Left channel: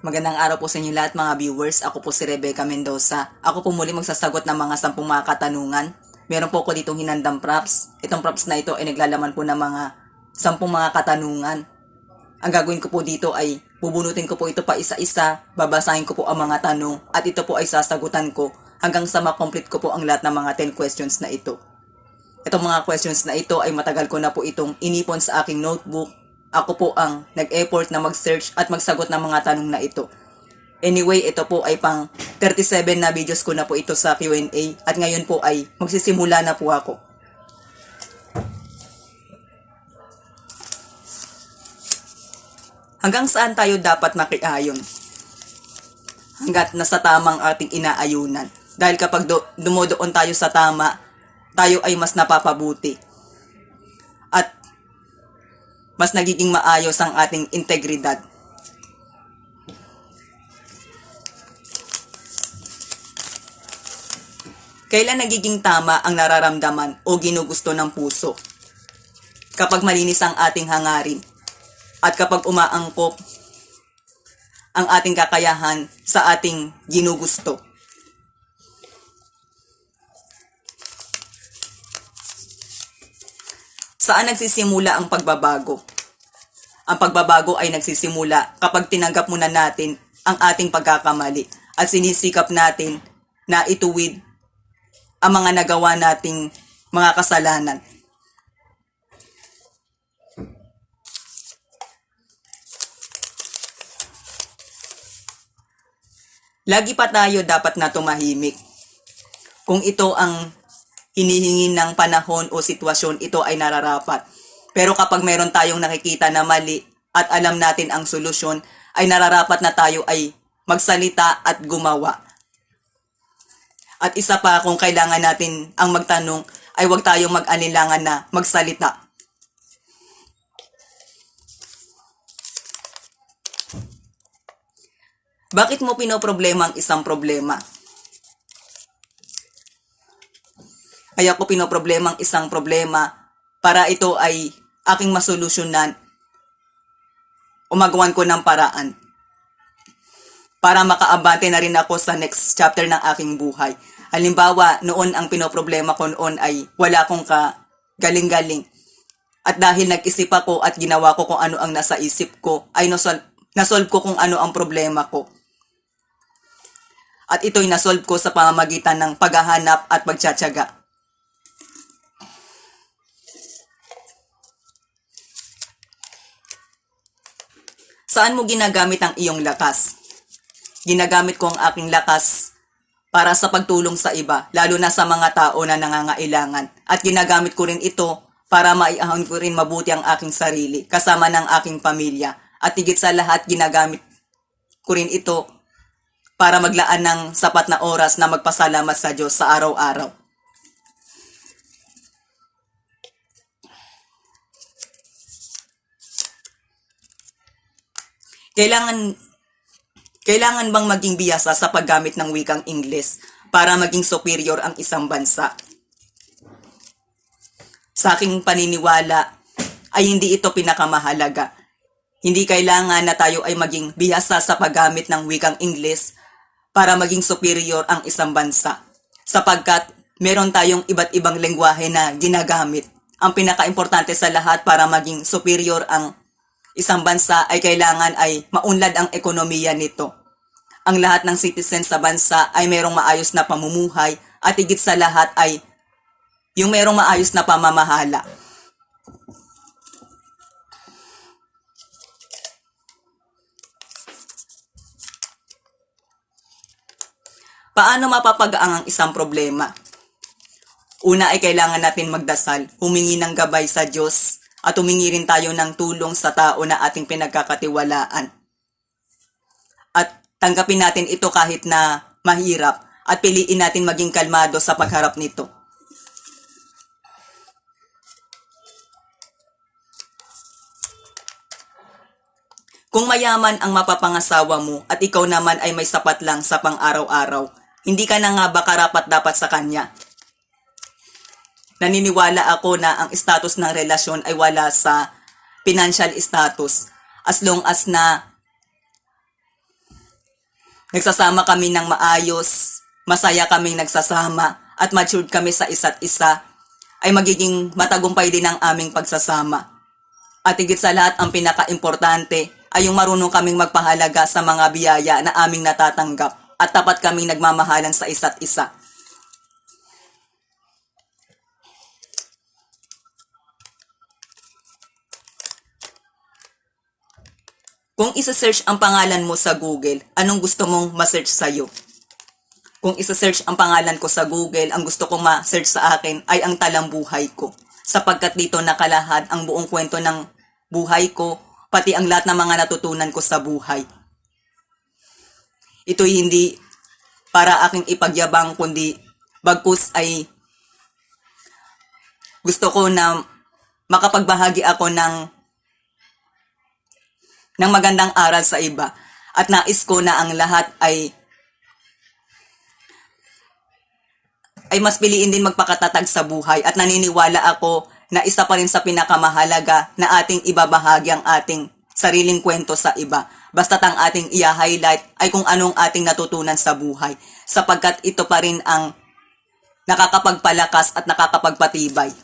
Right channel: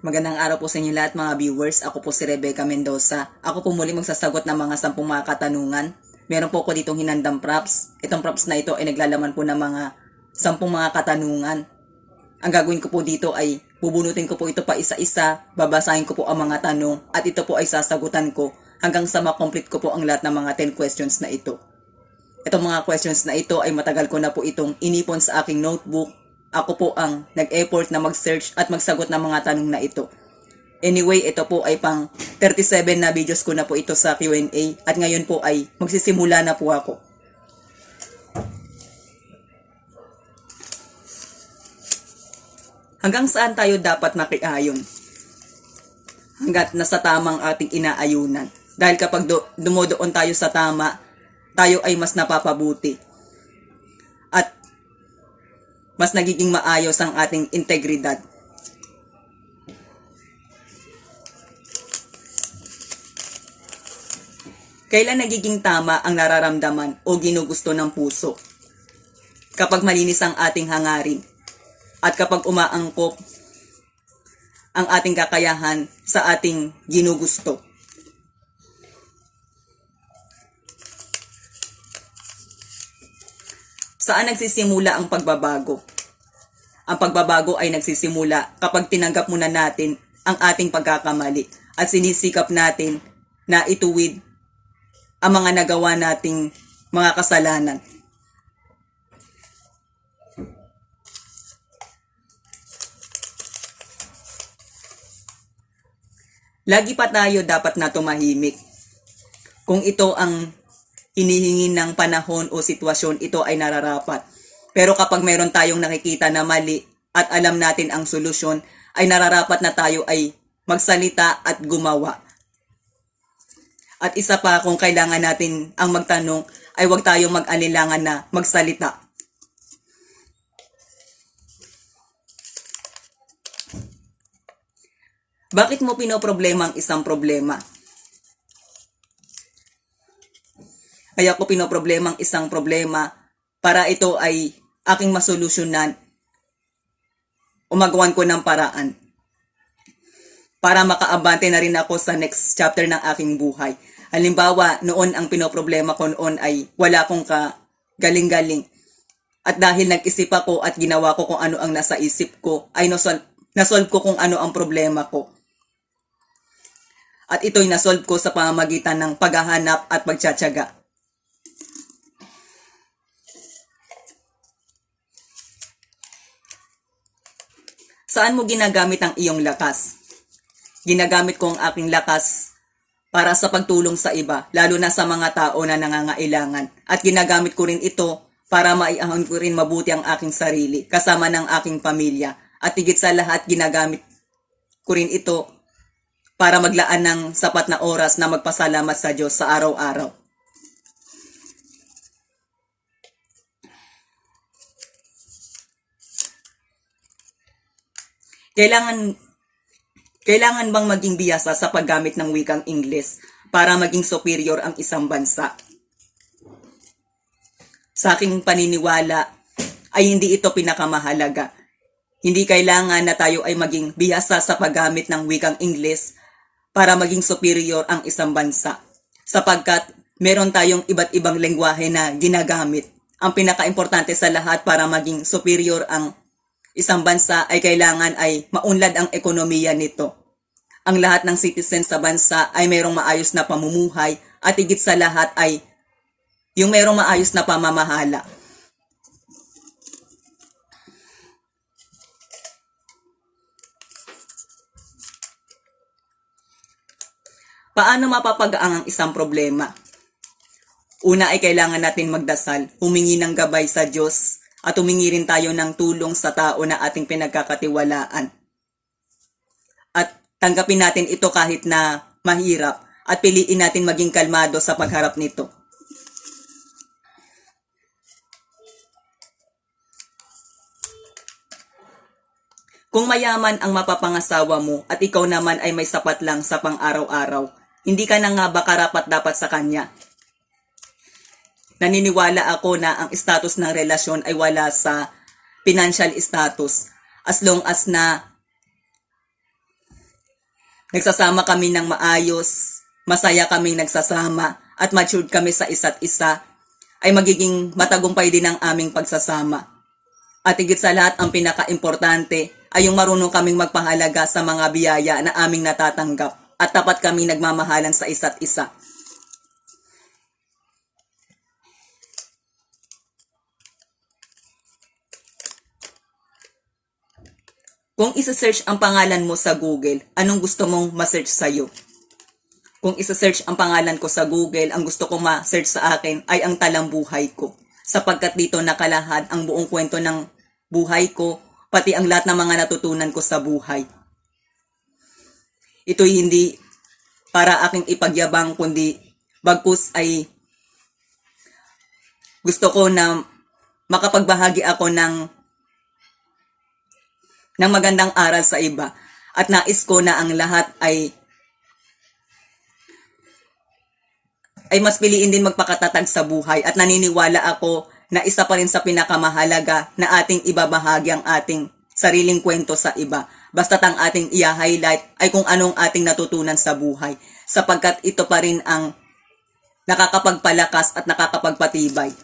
Magandang araw po sa inyo lahat mga viewers. Ako po si Rebecca Mendoza. Ako po muli magsasagot ng mga 10 mga katanungan. Meron po ako ditong hinandang props. Itong props na ito ay naglalaman po ng mga 10 mga katanungan. Ang gagawin ko po dito ay bubunutin ko po ito pa isa-isa, babasahin ko po ang mga tanong at ito po ay sasagutan ko hanggang sa makomplete ko po ang lahat ng mga 10 questions na ito. Itong mga questions na ito ay matagal ko na po itong inipon sa aking notebook. Ako po ang nag-effort na mag-search at magsagot ng mga tanong na ito. Anyway, ito po ay pang 37 na videos ko na po ito sa Q&A at ngayon po ay magsisimula na po ako. Hanggang saan tayo dapat makiayon? Hanggat nasa tamang ating inaayunan. Dahil kapag dumodoon tayo sa tama, tayo ay mas napapabuti. At mas nagiging maayos ang ating integridad. Kailan nagiging tama ang nararamdaman o ginugusto ng puso? Kapag malinis ang ating hangarin at kapag umaangkop ang ating kakayahan sa ating ginugusto. Saan nagsisimula ang pagbabago? Ang pagbabago ay nagsisimula kapag tinanggap muna natin ang ating pagkakamali at sinisikap natin na ituwid ang mga nagawa nating mga kasalanan. Lagi pa tayo dapat na tumahimik. Kung ito ang hinihingi ng panahon o sitwasyon, ito ay nararapat. Pero kapag meron tayong nakikita na mali at alam natin ang solusyon, ay nararapat na tayo ay magsalita at gumawa. At isa pa, kung kailangan natin ang magtanong, ay huwag tayong mag-anilangan na magsalita. Bakit mo pinoproblema ang isang problema? Kaya ko pinoproblema ang isang problema para ito ay aking masolusyonan o magawan ko ng paraan para makaabante na rin ako sa next chapter ng aking buhay. Halimbawa, noon ang pinoproblema ko noon ay wala akong galing-galing. At dahil nag-isip ako at ginawa ko kung ano ang nasa isip ko, ay nasolve ko kung ano ang problema ko. At ito'y nasolve ko sa pamamagitan ng paghahanap at pagtsatsaga. Saan mo ginagamit ang iyong lakas? Ginagamit ko ang aking lakas para sa pagtulong sa iba, lalo na sa mga tao na nangangailangan. At ginagamit ko rin ito para maiahon ko rin mabuti ang aking sarili, kasama ng aking pamilya. At higit sa lahat, ginagamit ko rin ito para maglaan ng sapat na oras na magpasalamat sa Diyos sa araw-araw. Kailangan bang maging biyasa sa paggamit ng wikang Ingles para maging superior ang isang bansa? Sa aking paniniwala ay hindi ito pinakamahalaga. Hindi kailangan na tayo ay maging biyasa sa paggamit ng wikang Ingles para maging superior ang isang bansa. Sapagkat meron tayong iba't ibang lengguwahe na ginagamit. Ang pinaka-importante sa lahat para maging superior ang isang bansa ay kailangan ay maunlad ang ekonomiya nito. Ang lahat ng citizens sa bansa ay mayroong maayos na pamumuhay at higit sa lahat ay yung mayroong maayos na pamamahala. Paano mapapagaang ang isang problema? Una ay kailangan natin magdasal, humingi ng gabay sa Diyos, at humingi rin tayo ng tulong sa tao na ating pinagkakatiwalaan. At tanggapin natin ito kahit na mahirap at piliin natin maging kalmado sa pagharap nito. Kung mayaman ang mapapangasawa mo at ikaw naman ay may sapat lang sa pang-araw-araw, hindi ka na nga ba karapat-dapat sa kanya? Naniniwala ako na ang status ng relasyon ay wala sa financial status as long as na Nagsasama kami ng maayos, masaya kaming nagsasama, at matured kami sa isa't isa, ay magiging matagumpay din ang aming pagsasama. At higit sa lahat, ang pinaka-importante ay yung marunong kaming magpahalaga sa mga biyaya na aming natatanggap at tapat kaming nagmamahalan sa isa't isa. Kung isa-search ang pangalan mo sa Google, anong gusto mong ma-search sa'yo? Kung isa-search ang pangalan ko sa Google, ang gusto kong ma-search sa akin ay ang talambuhay ko. Sapagkat dito nakalahad ang buong kwento ng buhay ko, pati ang lahat ng mga natutunan ko sa buhay. Ito'y hindi para aking ipagyabang, kundi bagkus ay gusto ko na makapagbahagi ako ng magandang aral sa iba. At nais ko na ang lahat ay mas piliin din magpakatatag sa buhay, at naniniwala ako na isa pa rin sa pinakamahalaga na ating ibabahagi ang ating sariling kwento sa iba. Basta't ang ating i-highlight ay kung anong ating natutunan sa buhay, sapagkat ito pa rin ang nakakapagpalakas at nakakapagpatibay